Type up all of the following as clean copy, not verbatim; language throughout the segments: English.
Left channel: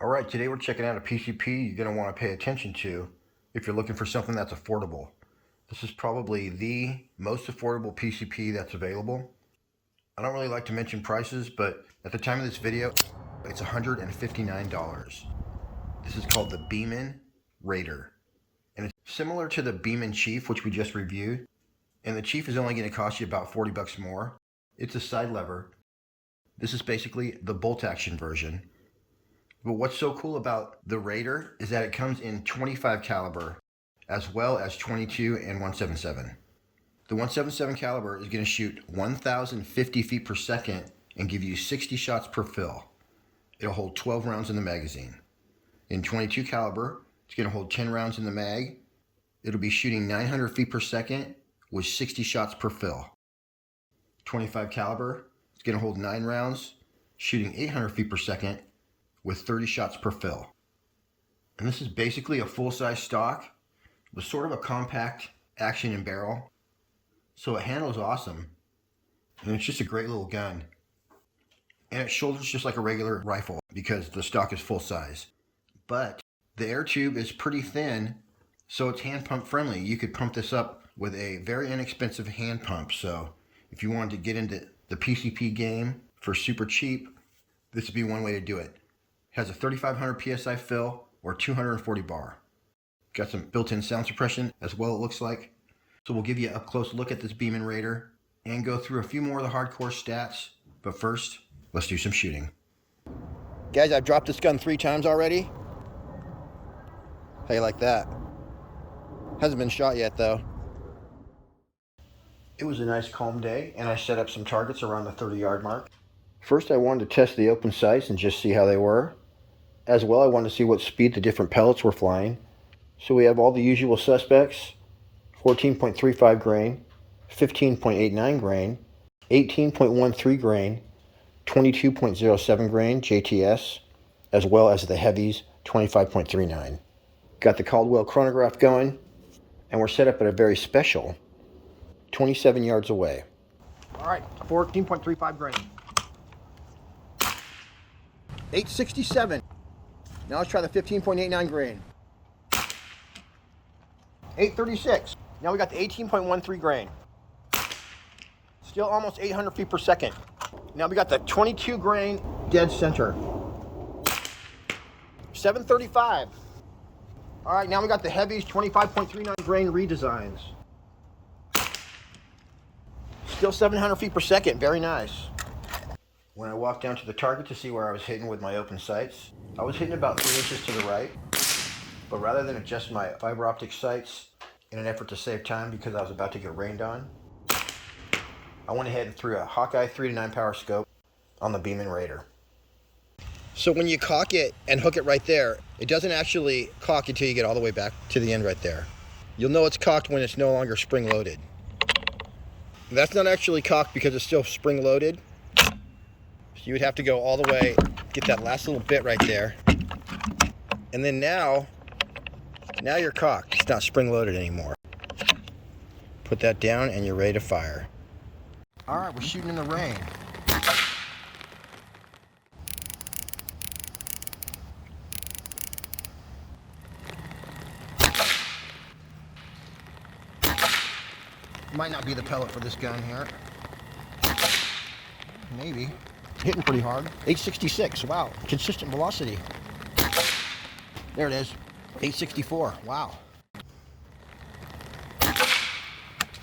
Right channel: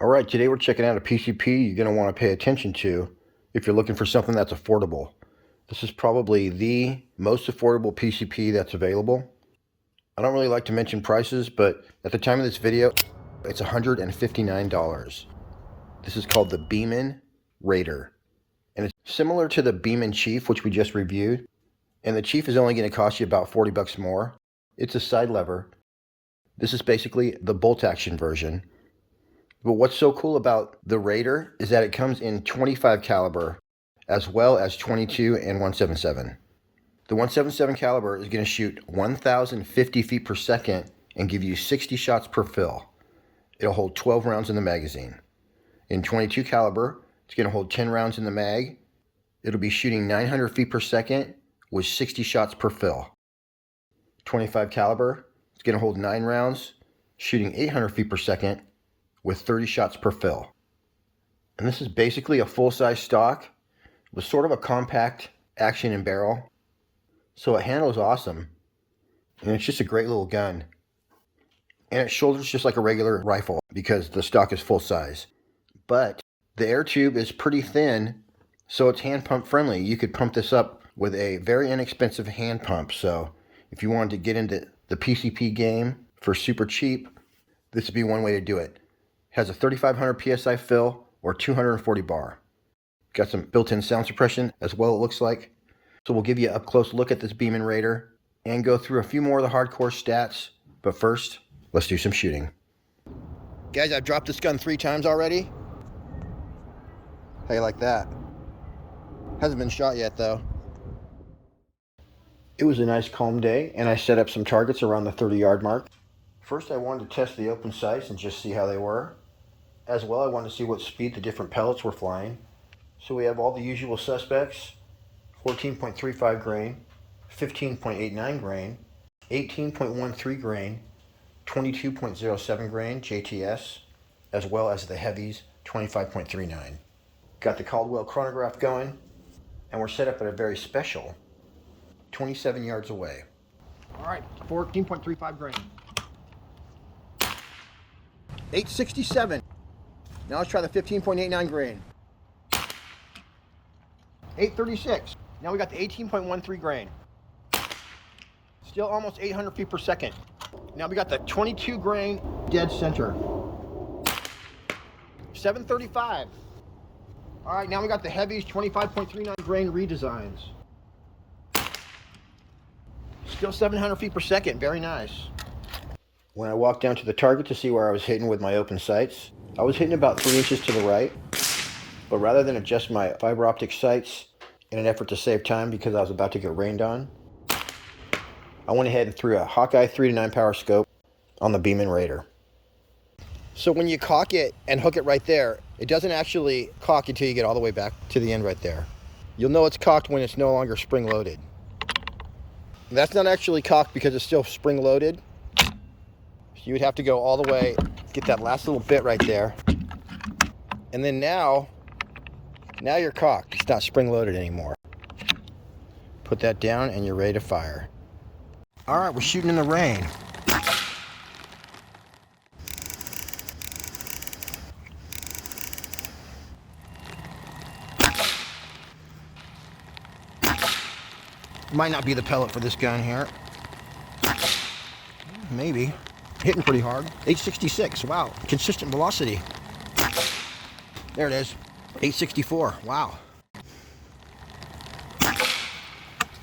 All right, today we're checking out a PCP you're going to want to pay attention to if you're looking for something that's affordable. This is probably the most affordable PCP that's available. I don't really like to mention prices, but at the time of this video, it's $159. This is called the Beeman RAIDER. And it's similar to the Beeman Chief, which we just reviewed. And the Chief is only going to cost you about 40 bucks more. It's a side lever. This is basically the bolt action version. But what's so cool about the Raider is that it comes in 25 caliber as well as 22 and 177. The 177 caliber is going to shoot 1,050 feet per second and give you 60 shots per fill. It'll hold 12 rounds in the magazine. In 22 caliber, it's going to hold 10 rounds in the mag. It'll be shooting 900 feet per second with 60 shots per fill. 25 caliber, it's going to hold 9 rounds, shooting 800 feet per second with 30 shots per fill. And this is basically a full-size stock with sort of a compact action and barrel. So it handles awesome. And it's just a great little gun. And it shoulders just like a regular rifle because the stock is full size. But the air tube is pretty thin, so it's hand pump friendly. You could pump this up with a very inexpensive hand pump. So if you wanted to get into the PCP game for super cheap, this would be one way to do it. Has a 3,500 PSI fill or 240 bar. Got some built-in sound suppression as well, it looks like. So we'll give you an up-close look at this Beeman Raider and go through a few more of the hardcore stats. But first, let's do some shooting. Guys, I've dropped this gun 3 times already. How you like that? Hasn't been shot yet though. It was a nice calm day and I set up some targets around the 30-yard mark. First, I wanted to test the open sights and just see how they were. As well, I wanted to see what speed the different pellets were flying. So we have all the usual suspects: 14.35 grain, 15.89 grain, 18.13 grain, 22.07 grain JTS, as well as the heavies, 25.39. Got the Caldwell chronograph going, and we're set up at a very special 27 yards away. All right, 14.35 grain. 867. Now let's try the 15.89 grain. 836. Now we got the 18.13 grain. Still almost 800 feet per second. Now we got the 22 grain dead center. 735. All right, now we got the heavies, 25.39 grain redesigns. Still 700 feet per second, very nice. When I walked down to the target to see where I was hitting with my open sights, I was hitting about 3 inches to the right. But rather than adjust my fiber optic sights in an effort to save time because I was about to get rained on, I went ahead and threw a Hawkeye 3-9 power scope on the Beeman Raider. So when you cock it and hook it right there, it doesn't actually cock until you get all the way back to the end right there. You'll know it's cocked when it's no longer spring loaded. That's not actually cocked because it's still spring loaded. So you would have to go all the way, get that last little bit right there. And then now you're cocked. It's not spring loaded anymore. Put that down and you're ready to fire. All right, we're shooting in the rain. Might not be the pellet for this gun here. Maybe. Hitting pretty hard. 866, wow. Consistent velocity. There it is. 864, wow.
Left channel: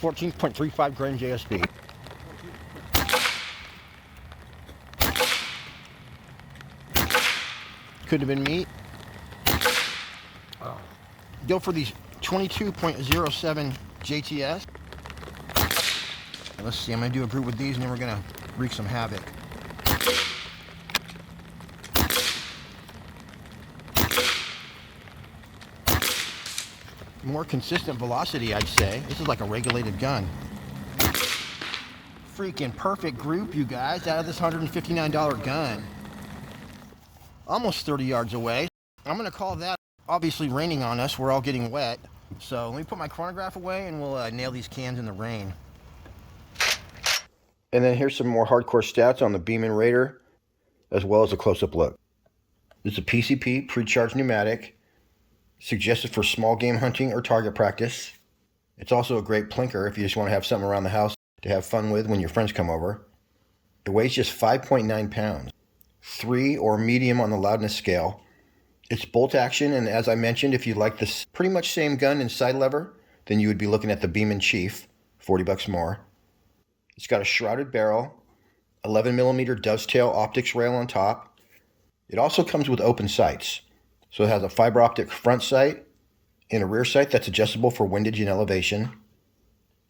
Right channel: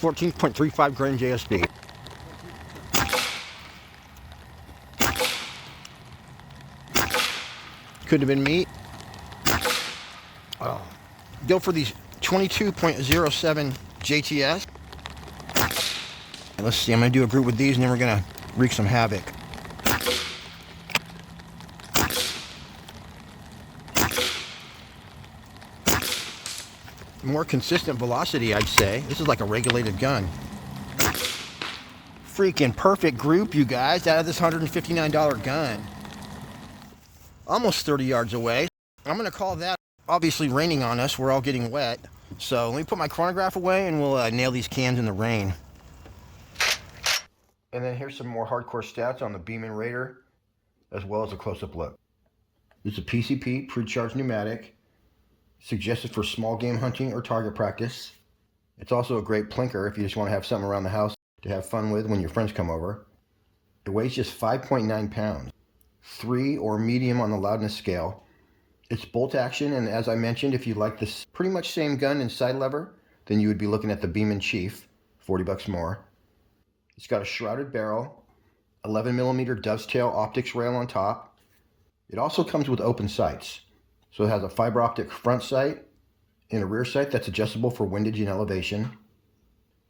14.35 grain JSB. Could have been meat. Go for these 22.07 JTS. Let's see, I'm going to do a group with these and then we're going to wreak some havoc. More consistent velocity, I'd say. This is like a regulated gun. Freaking perfect group, you guys, out of this $159 gun. Almost 30 yards away. I'm going to call that obviously raining on us. We're all getting wet. So let me put my chronograph away and we'll nail these cans in the rain. And then here's some more hardcore stats on the Beeman Raider, as well as a close-up look. This is a PCP, pre-charged pneumatic, suggested for small game hunting or target practice. It's also a great plinker if you just want to have something around the house to have fun with when your friends come over. It weighs just 5.9 pounds, 3 or medium on the loudness scale. It's bolt action, and as I mentioned, if you like this pretty much same gun and side lever, then you would be looking at the Beeman Chief, 40 bucks more. It's got a shrouded barrel, 11mm dovetail optics rail on top. It also comes with open sights. So it has a fiber optic front sight and a rear sight that's adjustable for windage and elevation.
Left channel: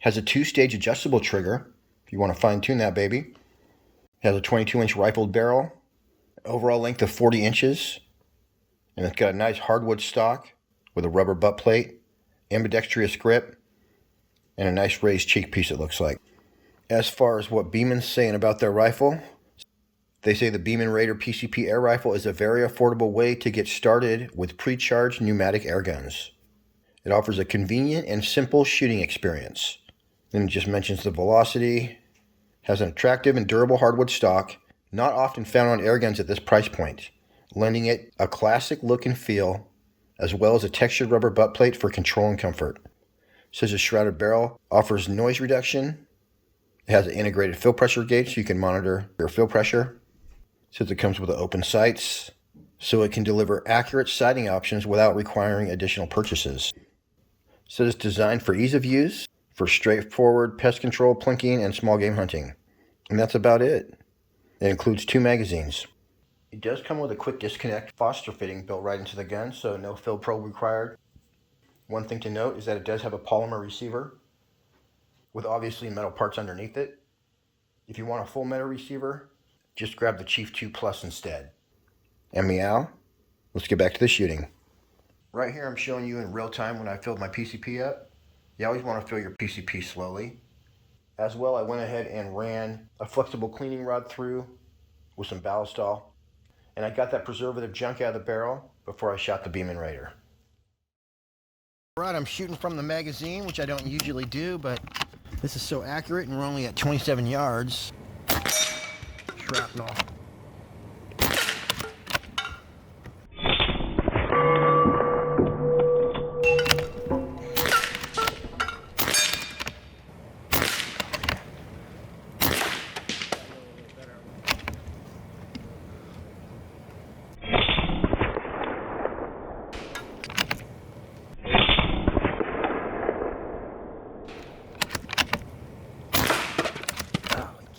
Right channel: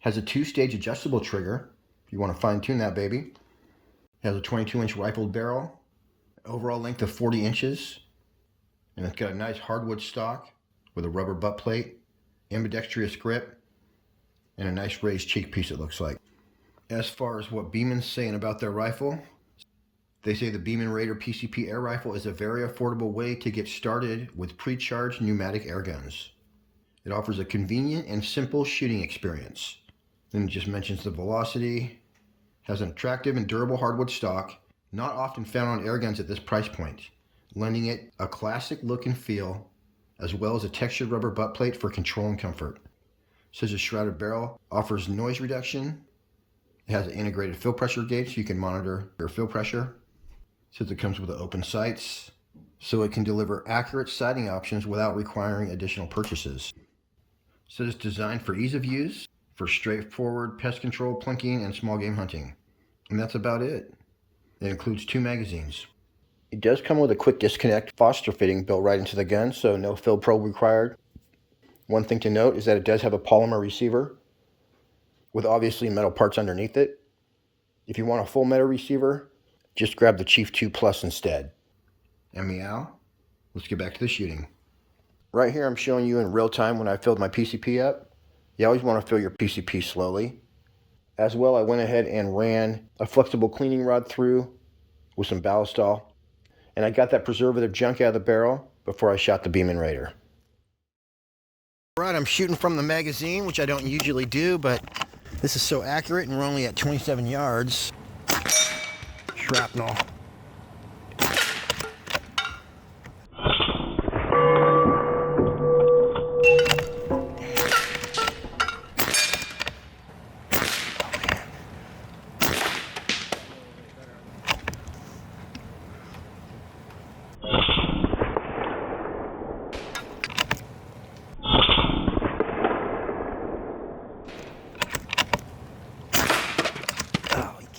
Has a 2-stage adjustable trigger if you want to fine tune that baby. Has a 22-inch rifled barrel, overall length of 40 inches, and it's got a nice hardwood stock with a rubber butt plate, ambidextrous grip, and a nice raised cheek piece it looks like. As far as what Beeman's saying about their rifle, they say the Beeman RAIDER PCP air rifle is a very affordable way to get started with pre-charged pneumatic air guns. It offers a convenient and simple shooting experience. Then it just mentions the velocity, has an attractive and durable hardwood stock, not often found on air guns at this price point, lending it a classic look and feel, as well as a textured rubber butt plate for control and comfort. It says a shrouded barrel offers noise reduction. It has an integrated fill pressure gauge so you can monitor your fill pressure. It says it comes with open sights, so it can deliver accurate sighting options without requiring additional purchases. It says it's designed for ease of use, for straightforward pest control, plinking, and small game hunting. And that's about it. It includes 2 magazines. It does come with a quick disconnect Foster fitting built right into the gun, so no fill probe required. One thing to note is that it does have a polymer receiver with obviously metal parts underneath it. If you want a full metal receiver, just grab the Chief 2 Plus instead. And meow, let's get back to the shooting. Right here I'm showing you in real time when I filled my PCP up. You always want to fill your PCP slowly. As well, I went ahead and ran a flexible cleaning rod through with some ballistol. And I got that preservative junk out of the barrel before I shot the Beeman RAIDER. Alright, I'm shooting from the magazine, which I don't usually do, but this is so accurate and we're only at 27 yards. Shrapnel.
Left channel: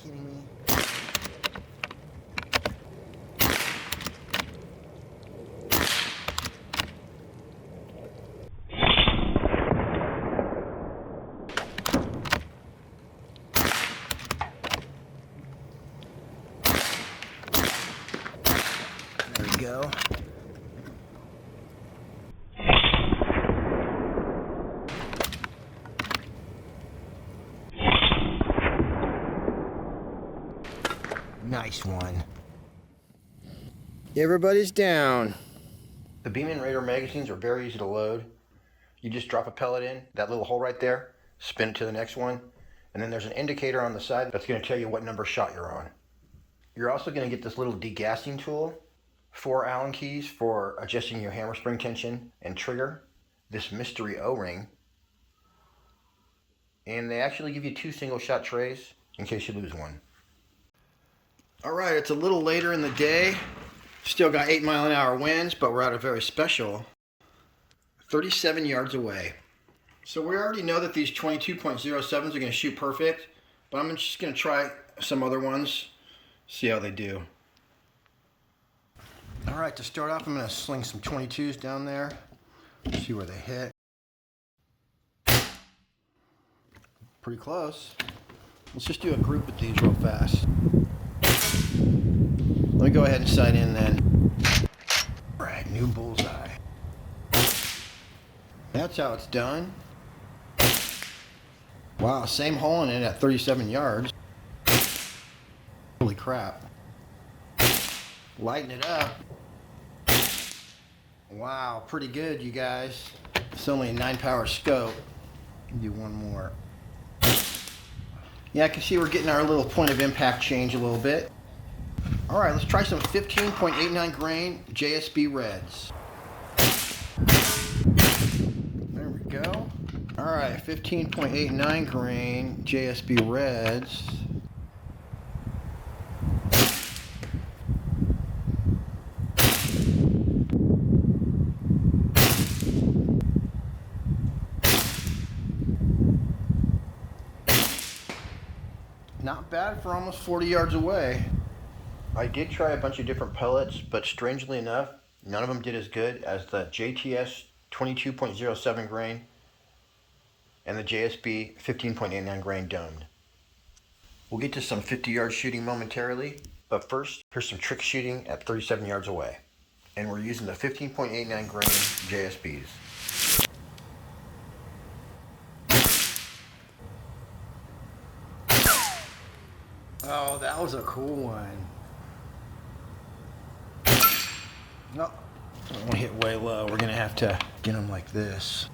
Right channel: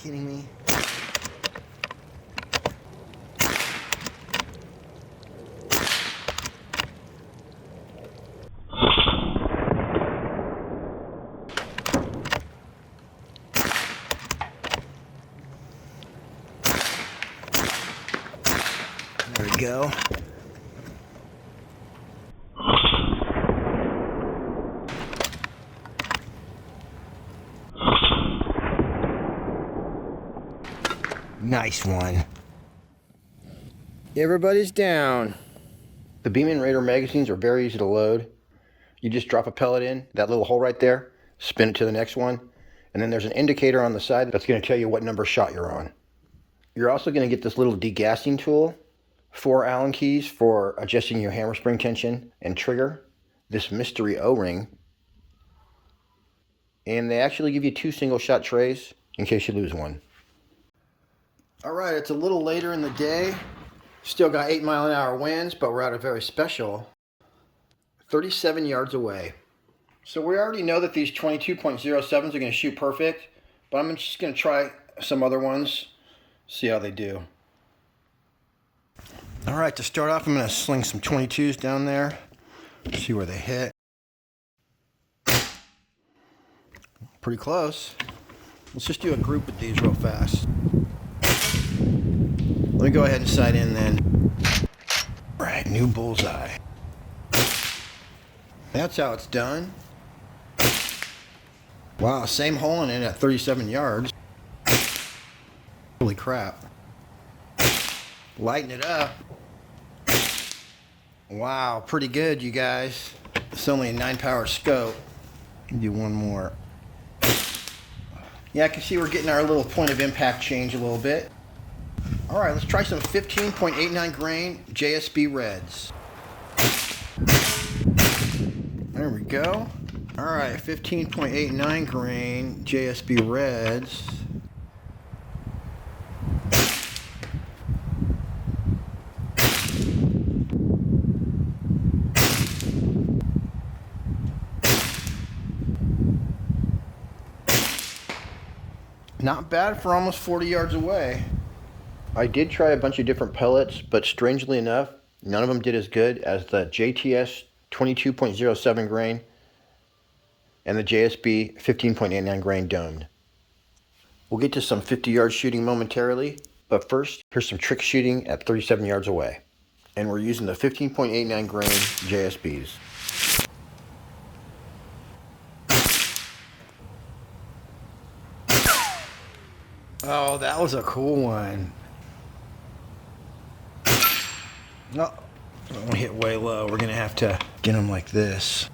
Kidding me? There we go. Nice one. Everybody's down. The Beeman RAIDER magazines are very easy to load. You just drop a pellet in, that little hole right there, spin it to the next one, and then there's an indicator on the side that's going to tell you what number shot you're on. You're also going to get this little degassing tool, 4 Allen keys for adjusting your hammer spring tension and trigger, this mystery O-ring, and they actually give you 2 single shot trays in case you lose one. Alright, it's a little later in the day. Still got 8-mile-an-hour winds, but we're at a very special 37 yards away. So we already know that these 22.07s are going to shoot perfect, but I'm just going to try some other ones, see how they do. Alright, to start off, I'm going to sling some 22s down there, see where they hit. Pretty close. Let's just do a group with these real fast. Let me go ahead and sight in then. Alright, new bullseye. That's how it's done. Wow, same hole in it at 37 yards. Holy crap. Lighten it up. Wow, pretty good, you guys. It's only a 9-power scope. Do one more. Yeah, I can see we're getting our little point of impact change a little bit. All right, let's try some 15.89 grain JSB Reds. There we go. All right, 15.89 grain JSB Reds. Not bad for almost 40 yards away. I did try a bunch of different pellets, but strangely enough, none of them did as good as the JTS 22.07 grain and the JSB 15.89 grain domed. We'll get to some 50-yard shooting momentarily, but first, here's some trick shooting at 37 yards away. And we're using the 15.89 grain JSBs. Oh, that was a cool one. No, I don't want to hit way low. We're going to have to get them like this.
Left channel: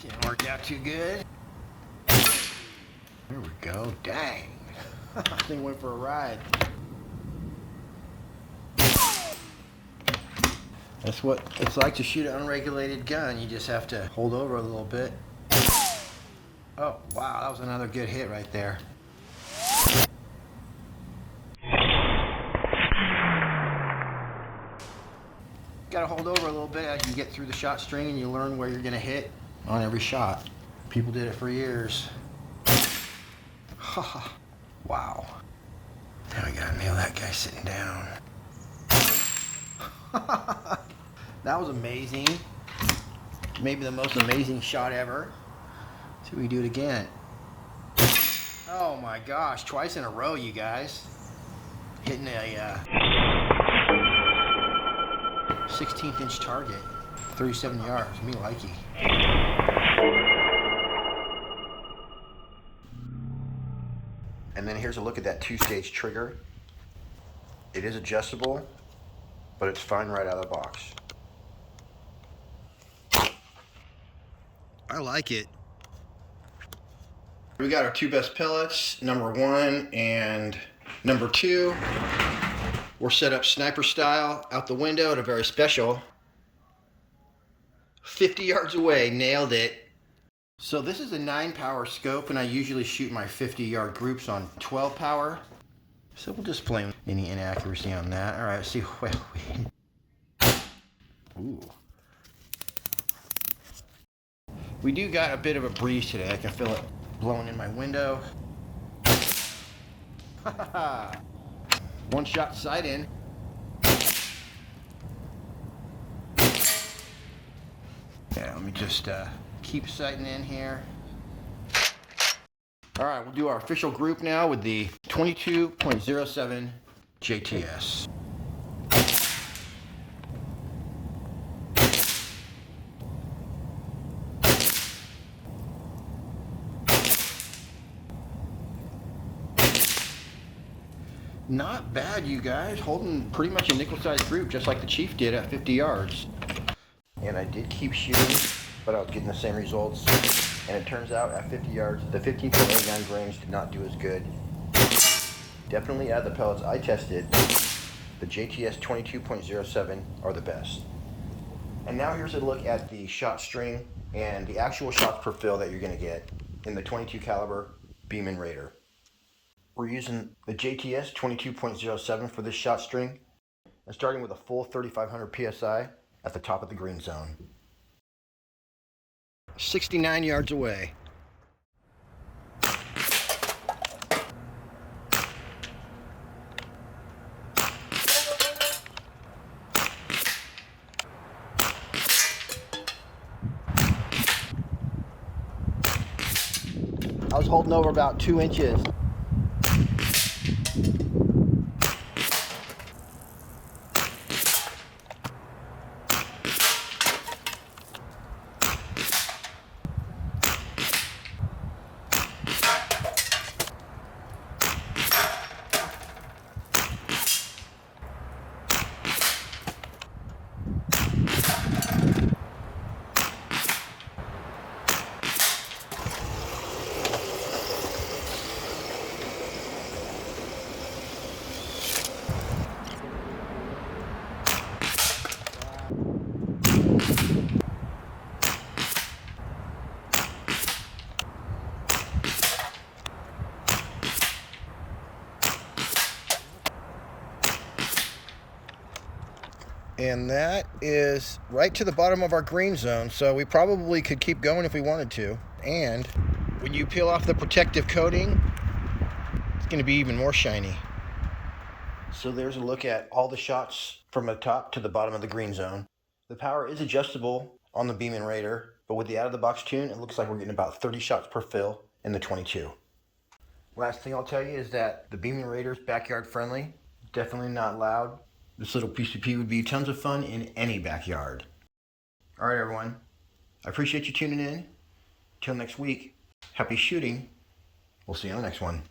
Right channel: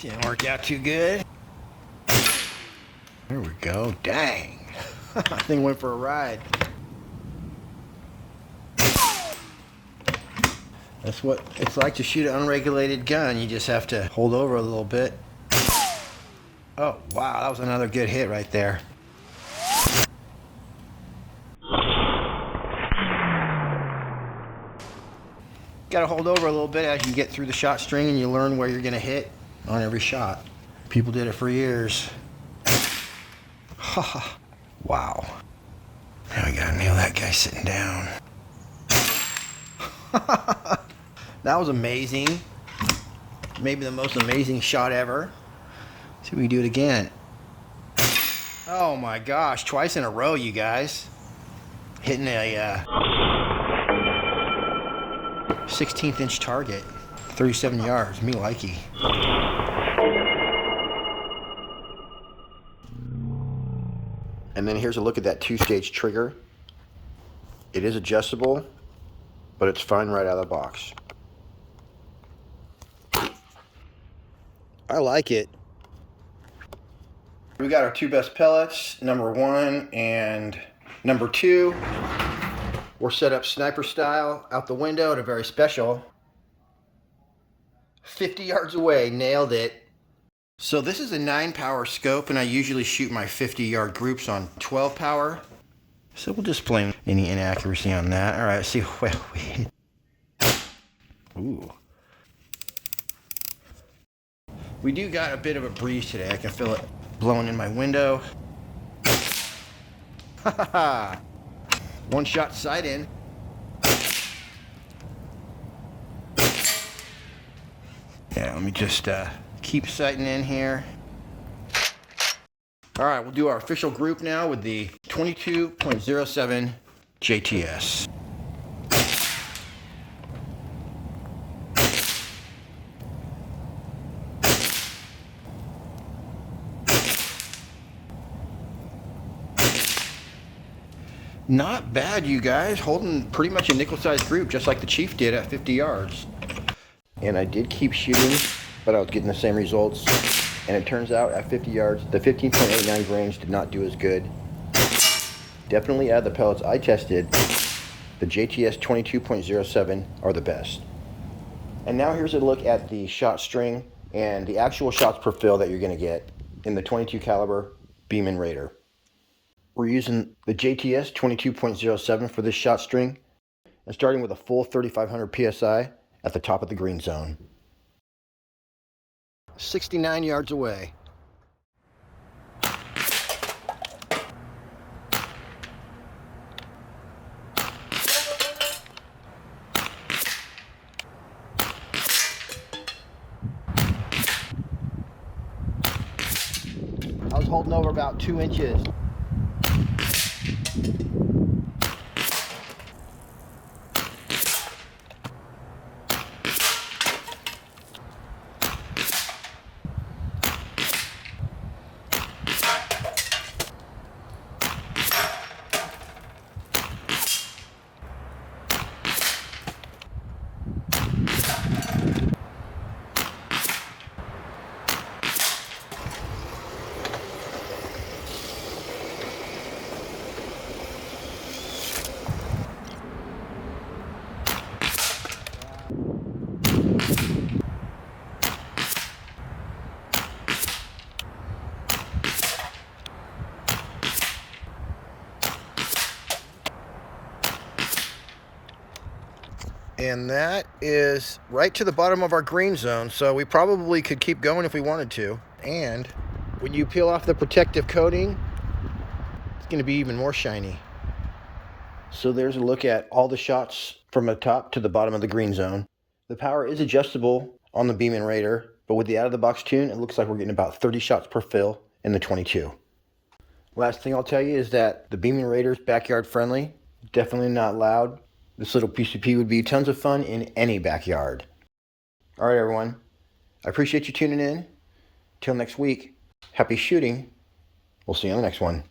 Didn't work out too good. There we go. Dang. I think went for a ride. That's what it's like to shoot an unregulated gun. You just have to hold over a little bit. Oh, wow. That was another good hit right there. Got to hold over a little bit as you get through the shot string and you learn where you're going to hit on every shot. People did it for years. Wow. Now I gotta nail that guy sitting down. That was amazing. Maybe the most amazing shot ever. See if we can do it again. Oh my gosh, twice in a row, you guys. Hitting a 16th inch target. 37 yards, me likey. And then here's a look at that two-stage trigger. It is adjustable, but it's fine right out of the box. I like it. We got our two best pellets, number 1 and number 2. We're set up sniper style out the window at a very special 50 yards away. Nailed it. So this is a 9 power scope, and I usually shoot my 50-yard groups on 12 power. So we'll just blame any inaccuracy on that. All right, let's see what we hit. Ooh. We do got a bit of a breeze today. I can feel it blowing in my window. One shot sight in. Yeah, let me just keep sighting in here. All right, we'll do our official group now with the 22.07 JTS. Not bad, you guys. Holding pretty much a nickel-sized group, just like the Chief did at 50 yards. And I did keep shooting, but I was getting the same results. And it turns out at 50 yards, the 15.89 grains did not do as good. Definitely out of the pellets I tested, the JTS 22.07 are the best. And now here's a look at the shot string and the actual shots per fill that you're going to get in the 22 caliber Beeman Raider. We're using the JTS 22.07 for this shot string, and starting with a full 3,500 PSI at the top of the green zone. 69 yards away. I was holding over about 2 inches. And that is right to the bottom of our green zone, so we probably could keep going if we wanted to. And when you peel off the protective coating, it's going to be even more shiny. So there's a look at all the shots from the top to the bottom of the green zone. The power is adjustable on the Beeman Raider, but with the out-of-the-box tune, it looks like we're getting about 30 shots per fill in the 22. Last thing I'll tell you is that the Beeman Raider is backyard friendly, definitely not loud. This little PCP would be tons of fun in any backyard. All right, everyone. I appreciate you tuning in. Till next week, happy shooting. We'll see you on the next one.